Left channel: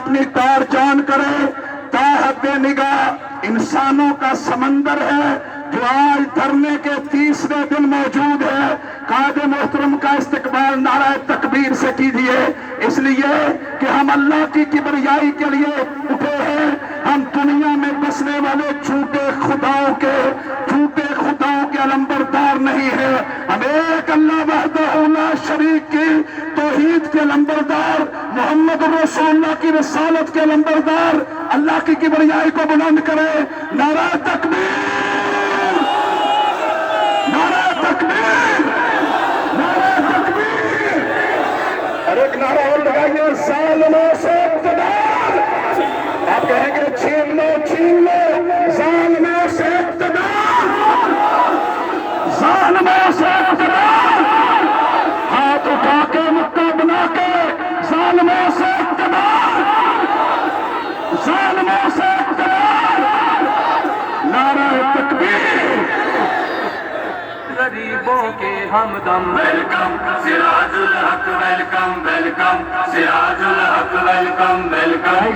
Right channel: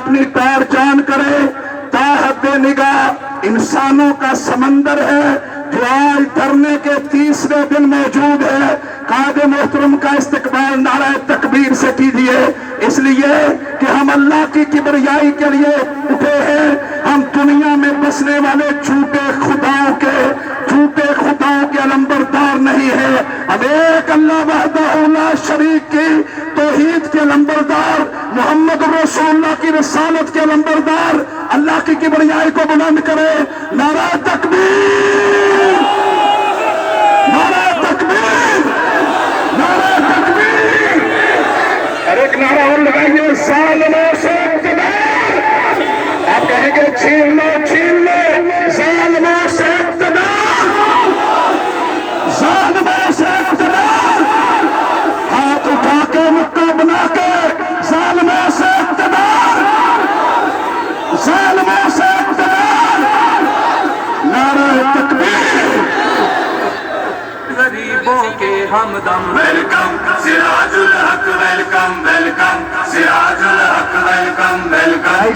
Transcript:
اپنی تار جان کرے، تاحد نگاہ انسانوں کا سمندر ہے جو آج دھرنے کے تیسرے دن موجود ہے۔ قائد محترم کا استقبال نعرہ تکبیر سے کیجیے، اس لیے کہ ہم اللہ کی کبریائی کے لیے اٹھے ہیں۔ ہم دنیا میں بسنے والے جھوٹے خداؤں کے علمبردار نہیں ہیں، ہم ایک اللہ وحدہ لا شریک کی توحید کے علمبردار، محمد رسول اللہ کی رسالت کے علمبردار۔ اللہ کی کبریائی کو بلند کرے، نعرہ تکبیر، نعرہ تکبیر، نعرہ تکبیر، اور ایک نعرہ اور لگائیے، ظالموں سے اقتدار۔ آپ کہیں گے چھین لو چھین لو، ظالموں سے اقتدار، ظالموں سے اقتدار، ہاتھ اٹھا کے مکہ بنا کے، ظالموں سے اقتدار، ظالموں سے اقتدار، نعرہ تکبیر۔ غریبوں کے ہمدم، ویلکم سراج الحق، ویلکم ویلکم سراج الحق، ویلکم ویلکم